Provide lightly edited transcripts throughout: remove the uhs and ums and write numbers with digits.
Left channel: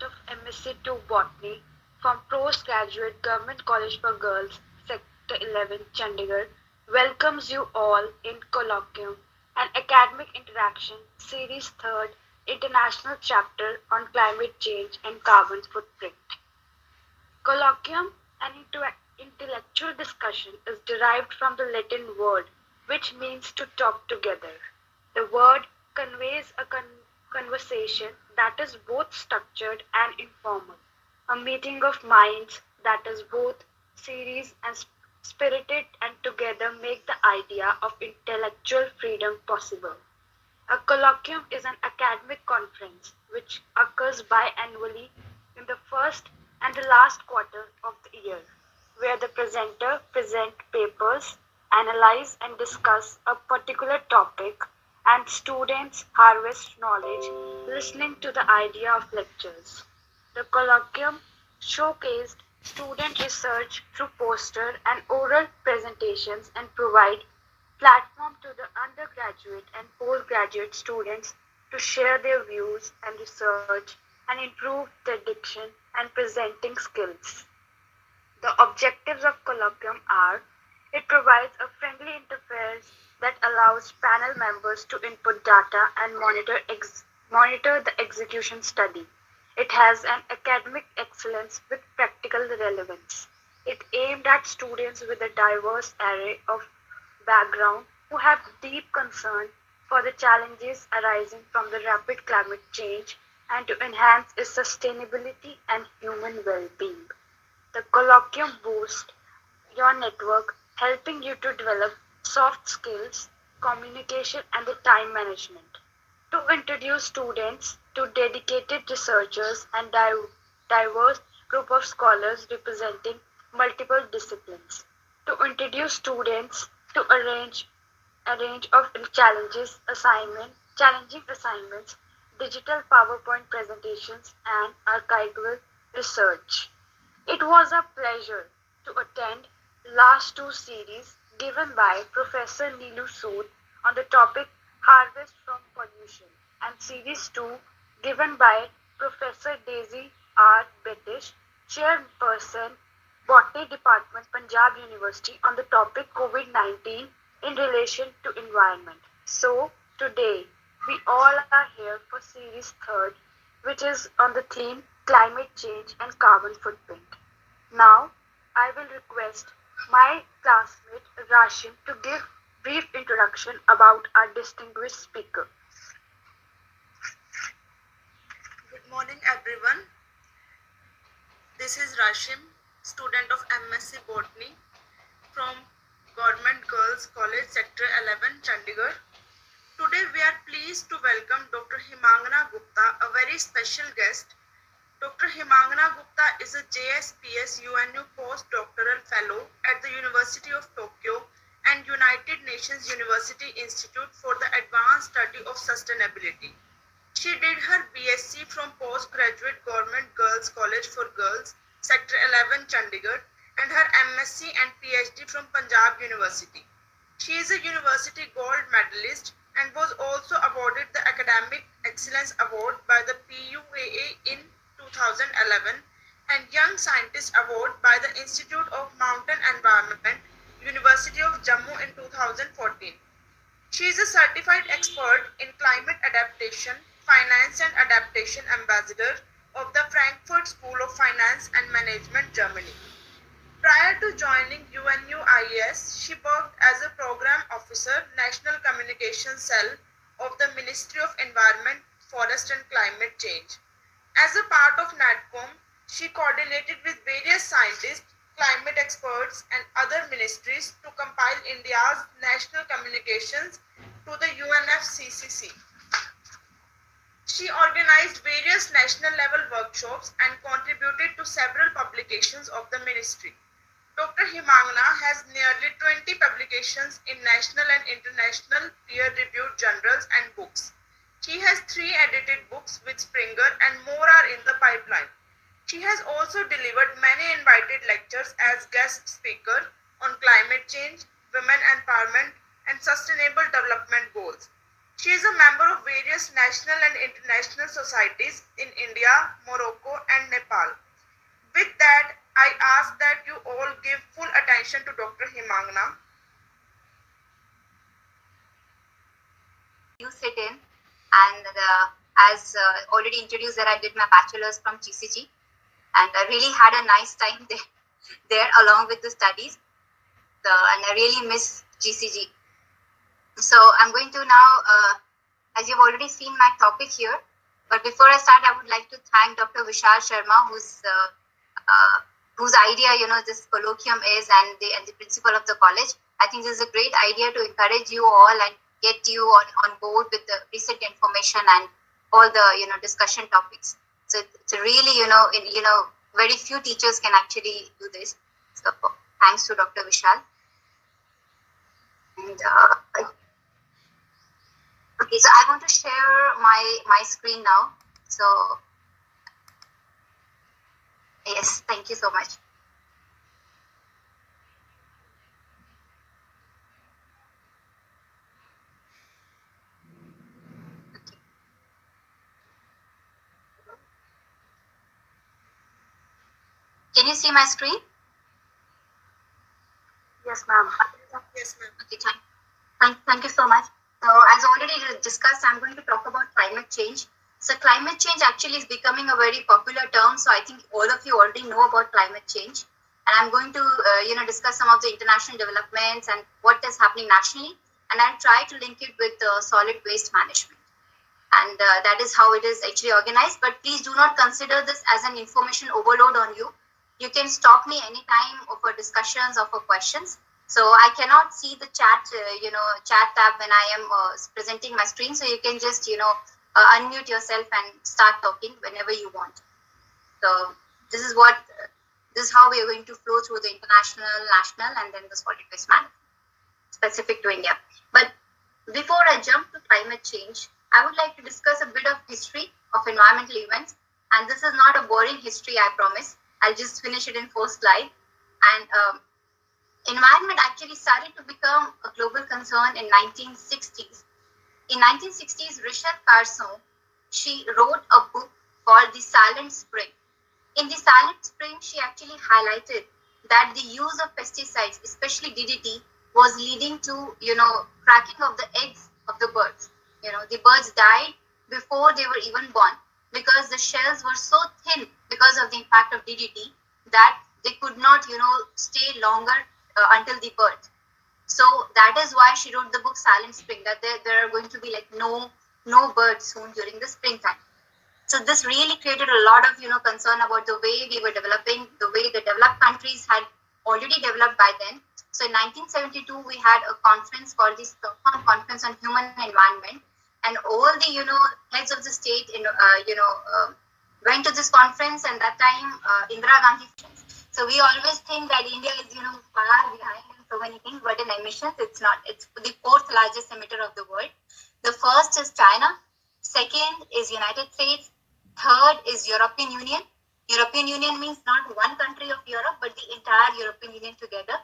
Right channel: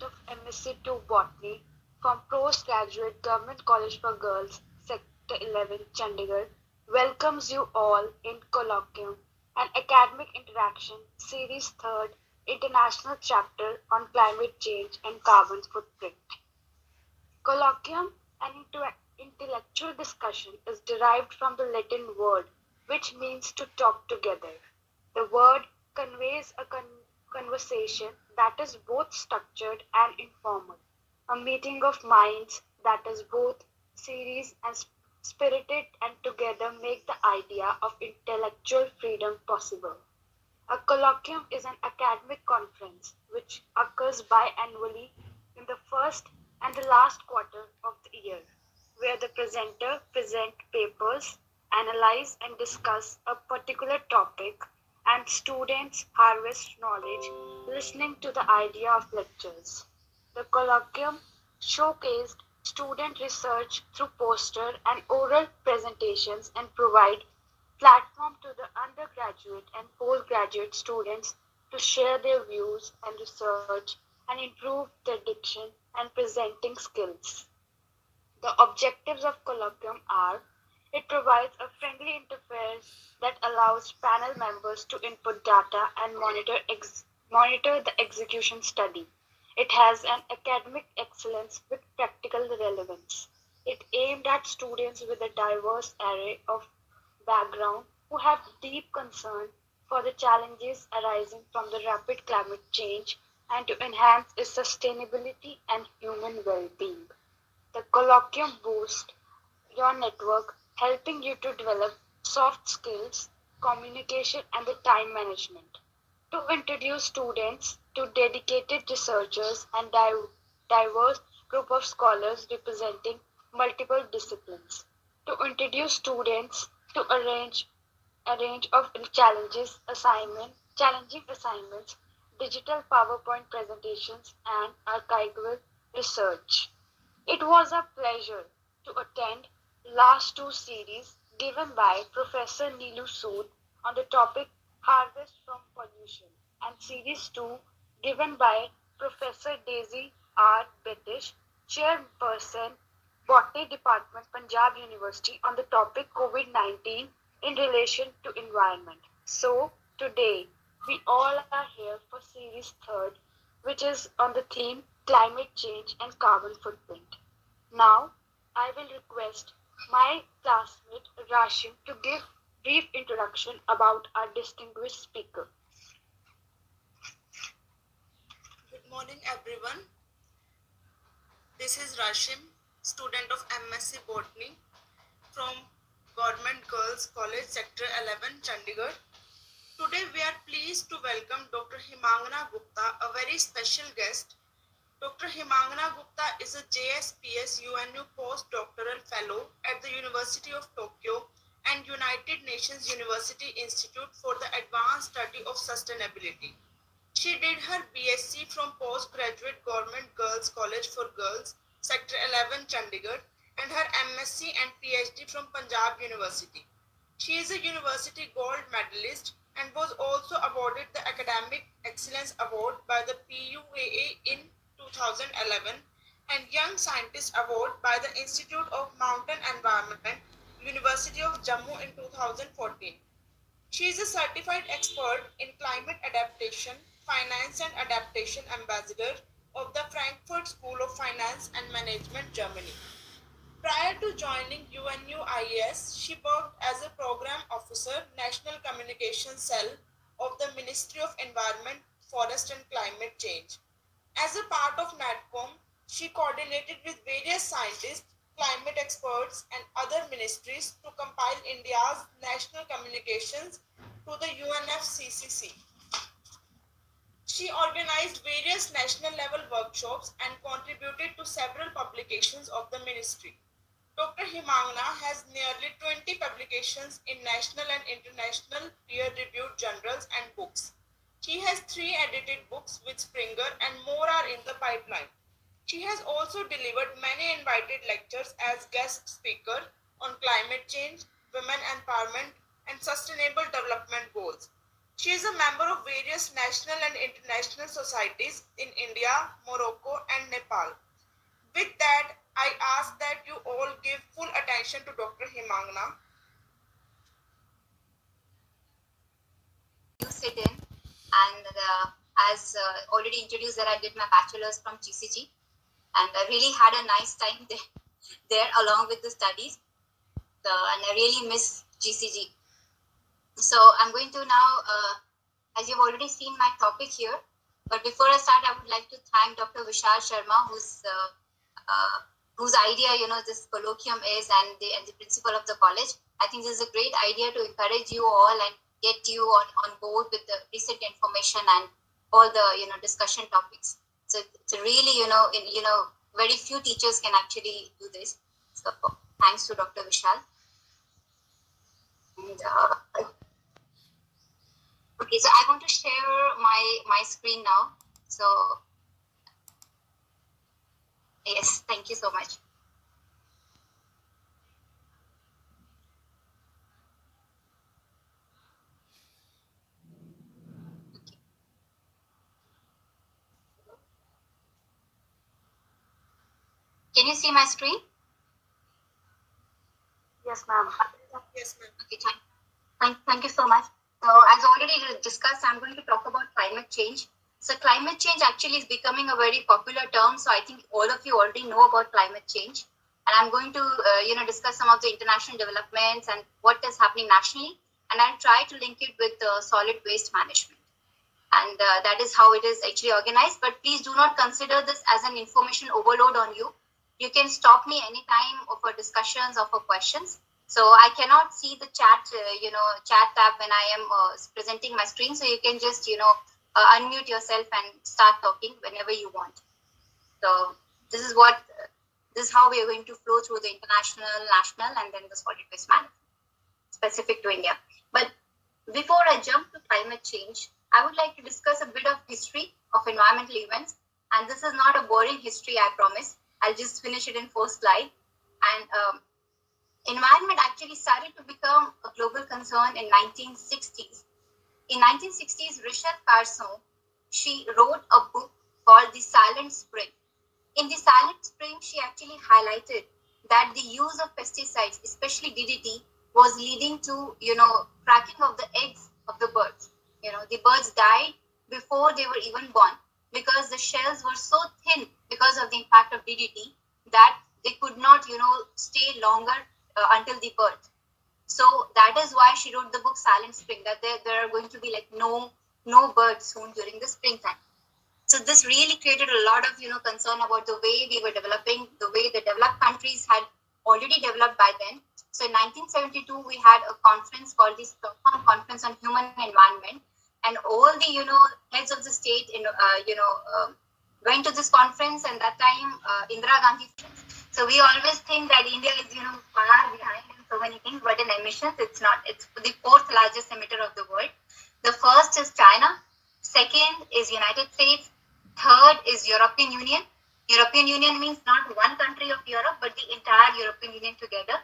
student of MSc 2 Botany from Postgraduate Government College for Girls, Sector 11, Chandigarh, welcomes you all in Colloquium, an academic interaction, Series 3rd, International Chapter on Climate Change and Carbon Footprint. Colloquium, an intellectual discussion, is derived from the Latin word which means to talk together. The word conveys a conversation that is both structured and informal, a meeting of minds that is both serious and spirited and together make the idea of intellectual freedom possible. A colloquium is an academic conference which occurs biannually in the first and the last quarter of the year, where the presenter present papers, analyze and discuss a particular topic, and students harvest knowledge listening to the idea of lectures. The colloquium showcased student research through poster and oral presentations and provide platform to the undergraduate and postgraduate students to share their views and research and improve their diction and presenting skills. The objectives of colloquium are it provides a friendly interface that allows panel members to input data and monitor the execution study. It has an academic excellence with practical relevance. It aimed at students with a diverse array of background who have deep concern for the challenges arising from the rapid climate change and to enhance its sustainability and human well-being. The colloquium boosts your network, helping you to develop soft skills, communication, and the time management. To introduce students to dedicated researchers and diverse group of scholars representing multiple disciplines. To introduce students to a range of challenging assignments, digital PowerPoint presentations, and archival research. It was a pleasure to attend last two series given by Professor Neelu Sood on the topic Harvest from Pollution and series 2 given by Professor Daisy R. Betish, Chairperson Botany Department, Punjab University on the topic COVID-19 in relation to environment. So today we all are here for series 3rd which is on the theme climate change and carbon footprint. Now, I will request my classmate Rashim to give brief introduction about our distinguished speaker. Good morning, everyone. This is Rashim, student of MSc Botany from Government Girls College, Sector 11, Chandigarh. Today, we are pleased to welcome Dr. Himangana Gupta, a very special guest. Dr. Himangana Gupta is a JSPS UNU postdoctoral fellow at the University of Tokyo and United Nations University Institute for the Advanced Study of Sustainability. She did her BSc from Postgraduate Government Girls College for Girls, Sector 11, Chandigarh, and her MSc and PhD from Punjab University. She is a university gold medalist and was also awarded the Academic Excellence Award by the PUAA in 2011 and Young Scientist Award by the Institute of Mountain Environment, University of Jammu in 2014. She is a certified expert in climate adaptation, finance and adaptation ambassador of the Frankfurt School of Finance and Management, Germany. Prior to joining UNUIES, she worked as a program officer, National Communication Cell of the Ministry of Environment, Forest and Climate Change. As a part of NATCOM, she coordinated with various scientists, climate experts, and other ministries to compile India's national communications to the UNFCCC. She organized various national level workshops and contributed to several publications of the ministry. Dr. Himangana has nearly 20 publications in national and international peer-reviewed journals and books. She has 3 edited books with Springer and more are in the pipeline. She has also delivered many invited lectures as guest speaker on climate change, women empowerment, and sustainable development goals. She is a member of various national and international societies in India, Morocco, Nepal. With that, I ask that you all give full attention to Dr. Himangna. You sit in, and as already introduced, that I did my bachelor's from GCG, and I really had a nice time there along with the studies. And I really miss GCG. So I'm going to now, as you've already seen my topic here, but before I start, I would like to thank Dr. Vishal Sharma, whose idea, this colloquium is, and the principal of the college. I think this is a great idea to encourage you all and get you on board with the recent information and all the, discussion topics. So it's really, very few teachers can actually do this. So thanks to Dr. Vishal. And okay, so I want to share my screen now. So yes, thank you so much. Okay. Can you see my screen? Yes, ma'am. Yes, ma'am. Okay, thank you so much. So as already discussed, I'm going to talk about climate change. So climate change actually is becoming a very popular term. So I think all of you already know about climate change. And I'm going to, discuss some of the international developments and what is happening nationally. And I'll try to link it with solid waste management. And that is how it is actually organized. But please do not consider this as an information overload on you. You can stop me anytime for discussions or for questions. So I cannot see the chat, chat tab when I am presenting my screen. So you can just, unmute yourself and start talking whenever you want. So this is how we are going to flow through the international, national, and then the solid waste management specific to India. But before I jump to climate change, I would like to discuss a bit of history of environmental events. And this is not a boring history, I promise. I'll just finish it in 4 slides. And environment actually started to become a global concern in 1960s. In 1960s, Rachel Carson, she wrote a book called The Silent Spring. In The Silent Spring, she actually highlighted that the use of pesticides, especially DDT, was leading to, cracking of the eggs of the birds. The birds died before they were even born because the shells were so thin because of the impact of DDT that they could not, stay longer until the birth. So that is why she wrote the book Silent Spring, that there are going to be like no birds soon during the springtime. So this really created a lot of, concern about the way we were developing, the way the developed countries had already developed by then. So in 1972, we had a conference called the Stockholm Conference on Human Environment, and all the, heads of the state, went to this conference, and that time Indira Gandhi. So we always think that India is, far behind in so many things, but in emissions, it's not. It's the 4th largest emitter of the world. The first is China. Second is United States. Third is European Union. European Union means not one country of Europe, but the entire European Union together.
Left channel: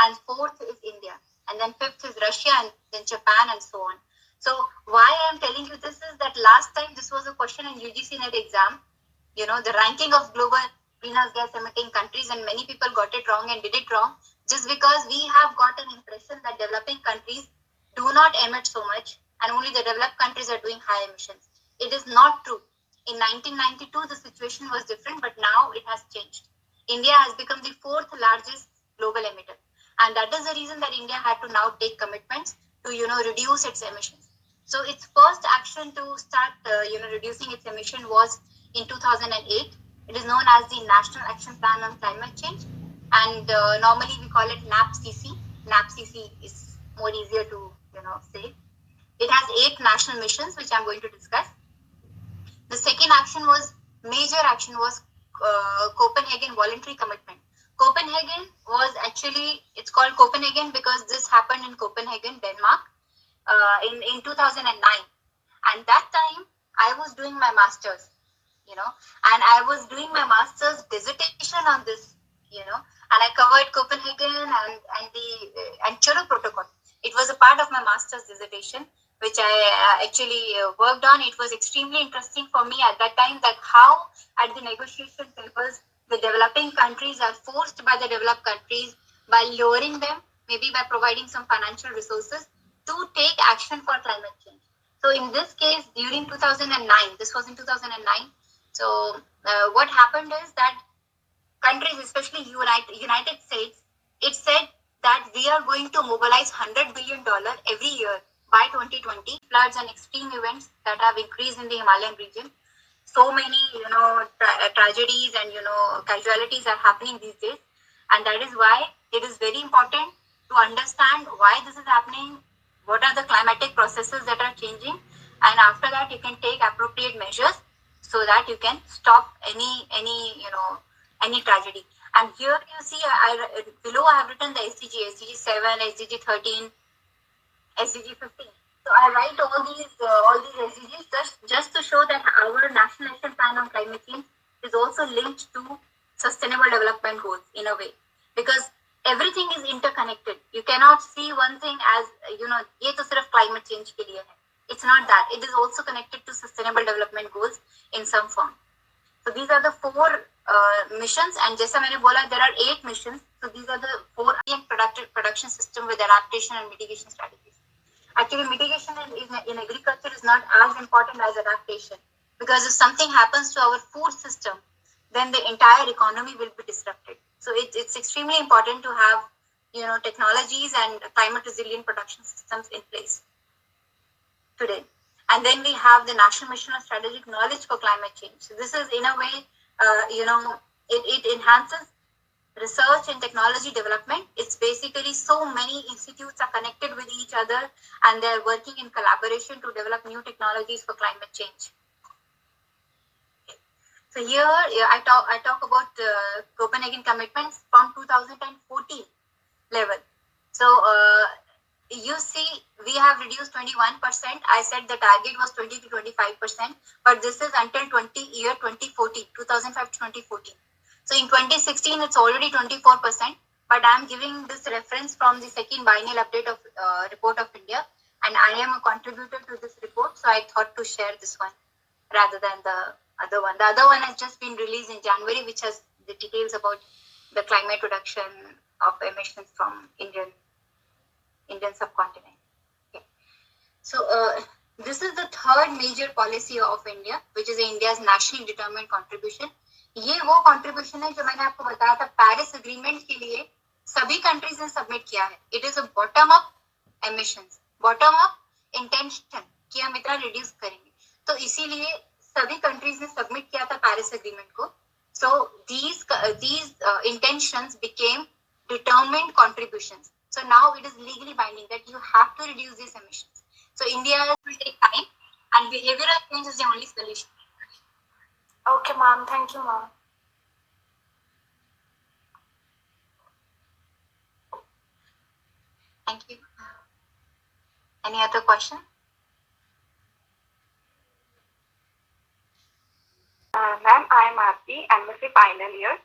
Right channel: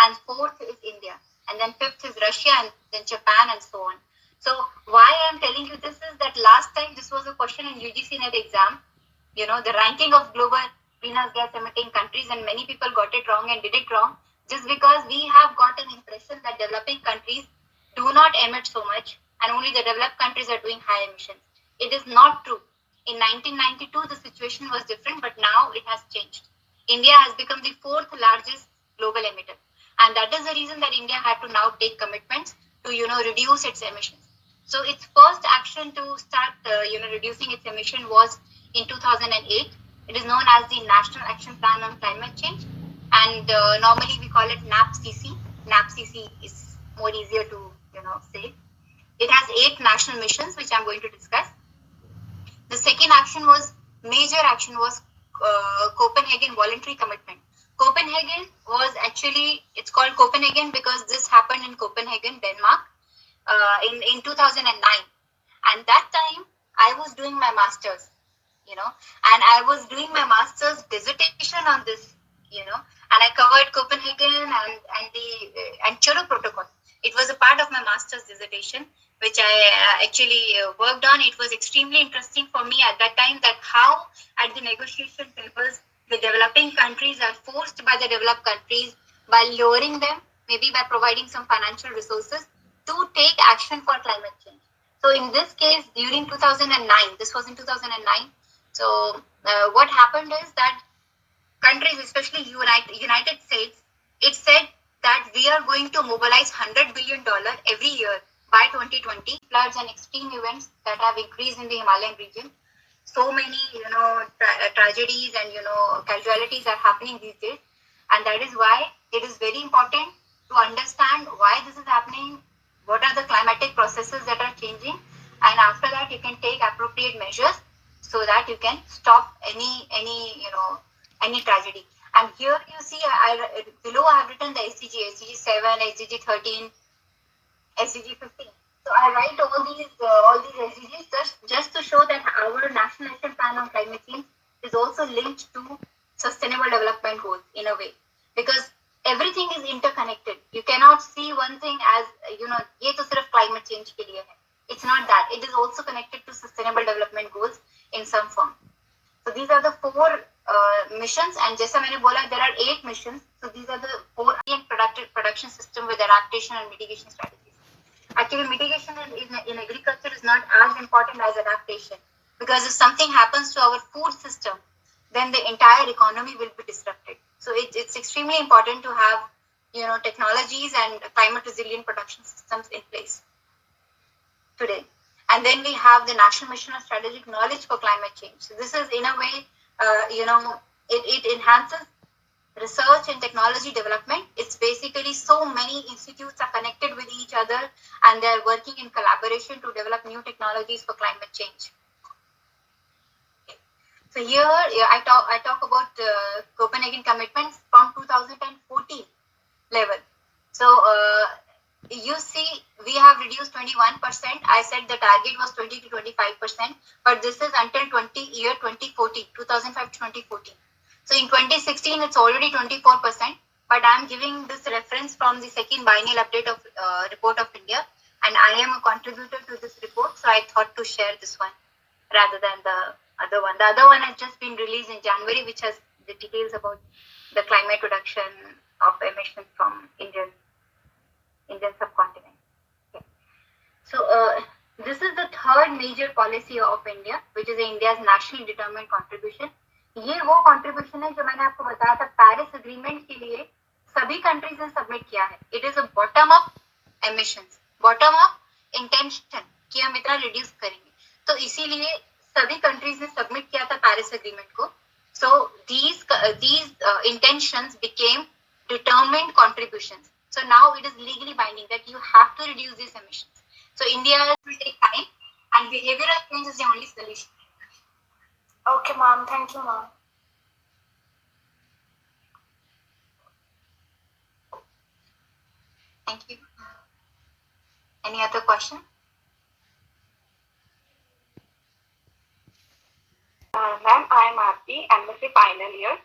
And 4th is India. And then 5th is Russia, and then Japan, and so on. So why I'm telling you this is that last time this was a question in UGC NET exam, the ranking of global greenhouse gas emitting countries, and many people got it wrong and did it wrong just because we have got an impression that developing countries do not emit so much and only the developed countries are doing high emissions. It is not true. In 1992, the situation was different, but now it has changed. India has become the 4th largest global emitter. And that is the reason that India had to now take commitments to, reduce its emissions. So its first action to start, reducing its emission was in 2008. It is known as the National Action Plan on Climate Change. And normally we call it NAPCC. NAPCC is more easier to, say. It has 8 national missions, which I'm going to discuss. The second major action was Copenhagen Voluntary Commitment. Copenhagen was actually, it's called Copenhagen because this happened in Copenhagen, Denmark, in 2009. And that time I was doing my master's, and I was doing my master's dissertation on this, and I covered Copenhagen and Kyoto Protocol. It was a part of my master's dissertation. which I actually worked on. It was extremely interesting for me at that time that how at the negotiation tables the developing countries are forced by the developed countries by lowering them, maybe by providing some financial resources to take action for climate change. So in this case, during 2009, this was in 2009. So what happened is that countries, especially United States, it said that we are going to mobilize $100 billion every year by 2020. Floods and extreme events that have increased in the Himalayan region. So many, tragedies and, casualties are happening these days. And that is why it is very important to understand why this is happening, what are the climatic processes that are changing, and after that you can take appropriate measures so that you can stop any tragedy. And here you see, below I have written the SDG 7, SDG 13, SDG 15. So I write all these SDGs just to show that our National Action Plan on Climate Change is also linked to Sustainable Development Goals in a way, because everything is interconnected. You cannot see one thing as ये तो सिर्फ climate change के लिए है. It's not that. It is also connected to Sustainable Development Goals in some form. So these are the four missions, and जैसा मैंने बोला, there are 8 missions. So these are the 4 production system with adaptation and mitigation strategies. Actually, mitigation in agriculture is not as important as adaptation, because if something happens to our food system, then the entire economy will be disrupted. So it's extremely important to have technologies and climate resilient production systems in place today. And then we have the National Mission of Strategic Knowledge for Climate Change. So this is in a way, it enhances research and technology development. It's basically so many institutes are connected with each other and they're working in collaboration to develop new technologies for climate change. So here I talk about Copenhagen commitments from 2014 level. So you see, we have reduced 21%. I said the target was 20 to 25%, but this is until 2014, 2005 to 2014. So in 2016, it's already 24%, but I'm giving this reference from the second biennial update of report of India, and I am a contributor to this report, so I thought to share this one rather than the other one. The other one has just been released in January, which has the details about the climate reduction of emissions from Indian subcontinent. Okay. So this is the third major policy of India, which is India's nationally determined contribution. ये वो contribution है जो मैंने आपको बताया था Paris agreement के लिए सभी कंट्रीज ने सबमिट किया है. It is a bottom up emissions, bottom up intention कि हम इतना रिड्यूस करेंगे. तो इसीलिए सभी कंट्रीज ने सबमिट किया था पेरिस एग्रीमेंट को. So these intentions became determined contributions. So now it is legally binding that you have to reduce these emissions. So India will take time, and behavioral change is the only solution. Okay, ma'am. Thank you, ma'am. Thank you. Any other question? Ma'am, I'm Aarti, MSc final year.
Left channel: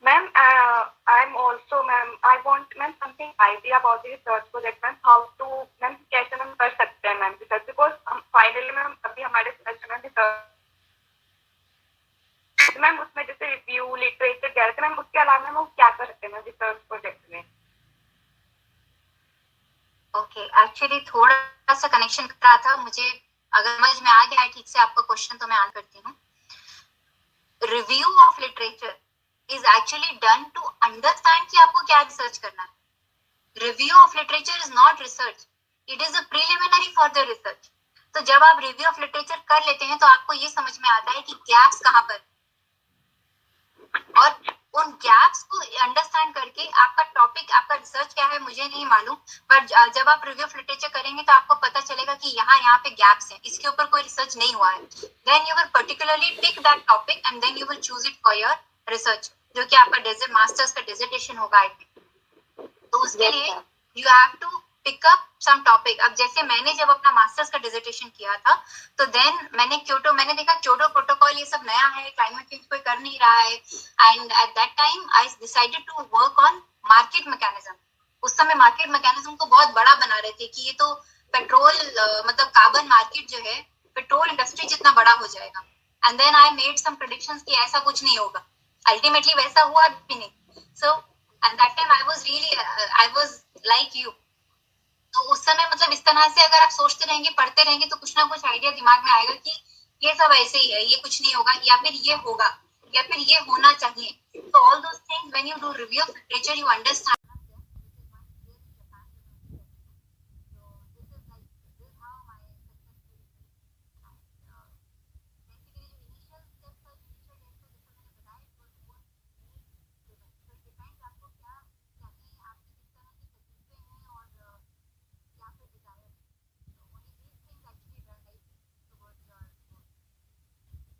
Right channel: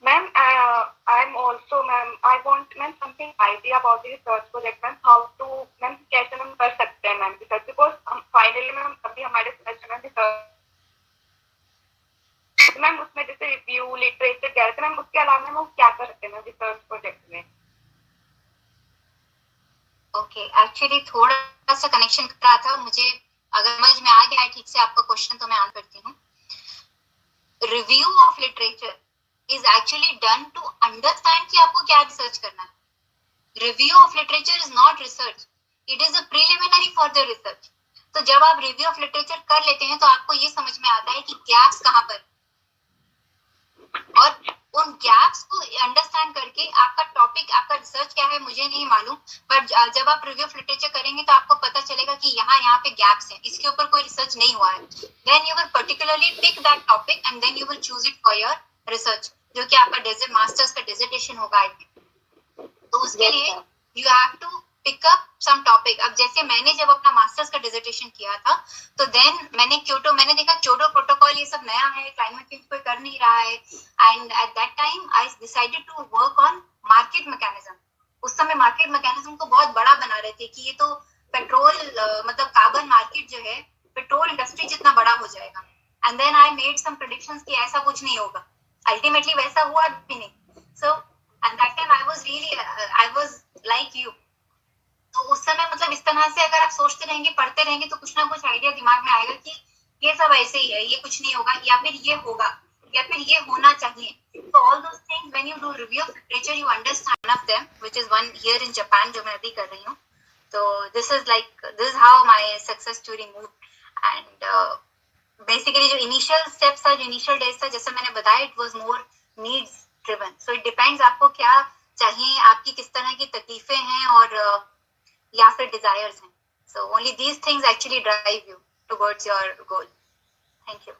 Ma'am, I'm also, ma'am, I want, ma'am, something idea about the research project, ma'am, how to, ma'am, कैसे ma'am कर सकते हैं ma'am research, because हम finally ma'am अभी हमारे semester में research, ma'am उसमें जैसे review, literature गया था मैम, उसके अलावा मैम वो क्या कर सकते हैं मैम research project में? Okay, actually थोड़ा सा connection कर रहा था मुझे, अगर समझ में आ गया है ठीक से आपका question तो मैं आंसर करती हूँ. Review of literature is actually done to understand कि आपको क्या research करना है. Review of literature is not research. It is a preliminary for the research. तो जब आप review of literature कर लेते हैं तो आपको ये समझ में आता है कि gaps कहाँ पर, और उन gaps को understand करके आपका topic, आपका research क्या है मुझे नहीं मालूम, but जब आप review of literature करेंगे तो आपको पता चलेगा कि यहाँ पे gaps हैं, इसके ऊपर कोई research नहीं हुआ है. Then you will particularly pick that topic and then you will choose it for your research, जो कि आपका मास्टर्स का डिसर्टेशन होगा. तो उसके लिए you have to pick up some topic. अब जैसे मैंने जब अपना मास्टर्स का डिसर्टेशन किया था तो देन मैंने देखा क्योटो प्रोटोकॉल ये सब नया है, क्लाइमेट चेंज कोई कर नहीं रहा है, and at that time I decided to work on market mechanism. उस समय मार्केट मैकेनिज्म को बहुत बड़ा बना रहे थे कि ये तो पेट्रोल मतलब कार्बन मार्केट जो है पेट्रोल इंडस्ट्री जितना बड़ा हो जाएगा. And then I made some predictions कि ऐसा कुछ नहीं होगा. अल्टीमेटली वैसा हुआ भी नहीं. So at that time I was like you. तो उस समय मतलब इस तरह से अगर आप सोचते रहेंगे पढ़ते रहेंगे तो कुछ ना कुछ आइडिया दिमाग में आएगा कि ये सब ऐसे ही है, ये कुछ नहीं होगा, या फिर ये होगा, या फिर ये होना चाहिए. So all those things when you do review of literature you understand of them, which is one here in Japan जो मैं अभी कर रही हूँ. So this is how my success story moved. And basically जो initial steps था, जो initial days था, जैसे मैंने बताया, it was more needs driven. So it depends आपको क्या चाहिए, आपकी किस तरह की तकलीफें हैं और या फिर desires हैं. So only these things actually drive you towards your goal. Thank you.